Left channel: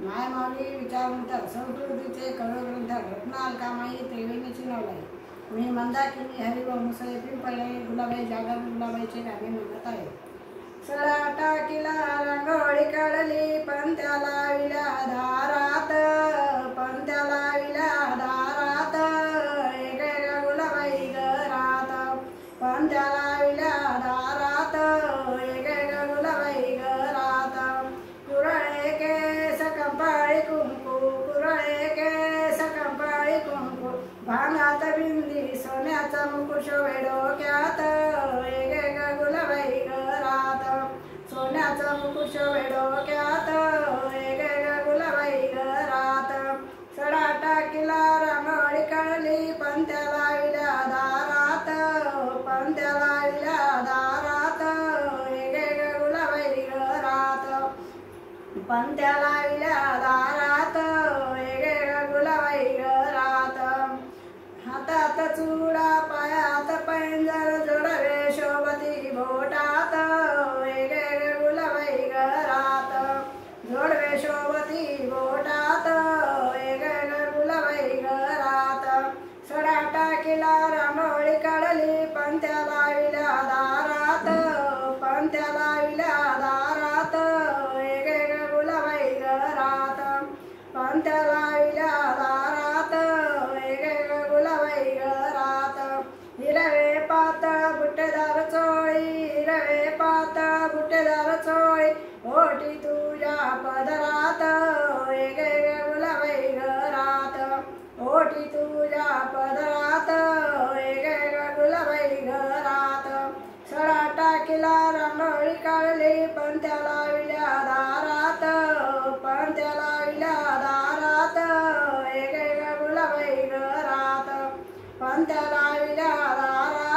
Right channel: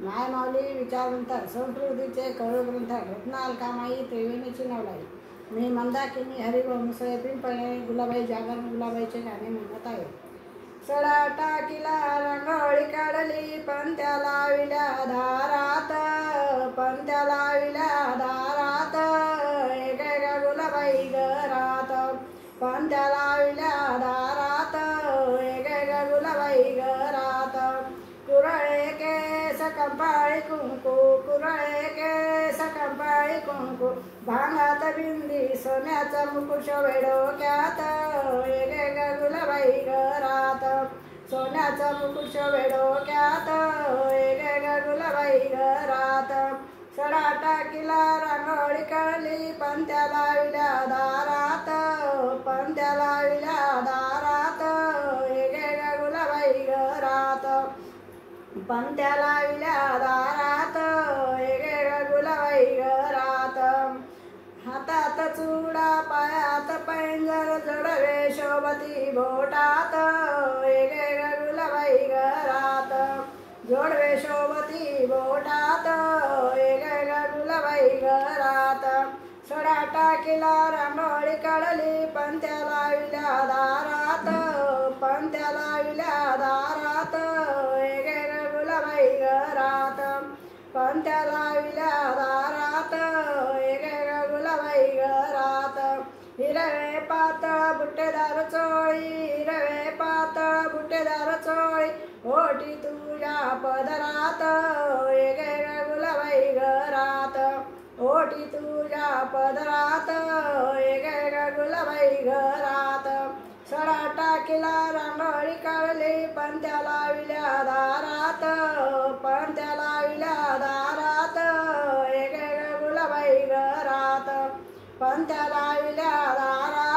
माय माऊली विचारवंत संस्कृतीचे कवग्रंथ रत्न अलकामाई त्रिवेणीची नवलाई. मी मंदाकिनी हरिवंश पिंपळे गुलाबाई जागर गुलाबाईचे गाणे म्हणत आहे. सडा टाकीला रांगोळी काढली पंत्या लाविल्या दारात, पंत्या लाविल्या दारात एका गुलाबाई घरात, पंत्या लाविल्या दारात एका गुलाबाई घरात. कुरळे केस कंपाळी कुंकू, कुरळे केस कंपाळी कुंकू, भांगात बिंदी सोन्याचा मुकुट डोक्यात एक गुलाबाई घरात, सोन्याचा मुकुट डोक्यात एक गुलाबाई घरात. सडा टाकीला रांगोळी काढली पंत्या लाविल्या दारात, पंत्या लाविल्या दारात एक गुलाबाई घरात, पंत्या लाविल्या दारात एक गुलाबाई घरात. हातात चुडा पायात पैंजण जोडवे शोभती बोटात एक गुलाबाई घरात, जोडवे शोभती बोटात एक गुलाबाई घरात. सडा टाकीला रांगोळी काढली पंत्या लाविल्या दारात, पंत्या लाविल्या दारात एक गुलाबाई घरात, पंत्या लाविल्या दारात एक गुलाबाई घरात. हिरवे पातळ बुट्टेदार चोळी, हिरवे पातळ बुट्टेदार चोळी ओटी तुझ्या पदरात एक गुलाबाई घरात, ओटी तुझ्या पदरात एक गुलाबाई घरात. सडा टाकीला रांगोळी काढली पंत्या लाविल्या दारात, पंत्या लाविल्या दारात एक गुलाबाई घरात, पंत्या लाविल्या दारात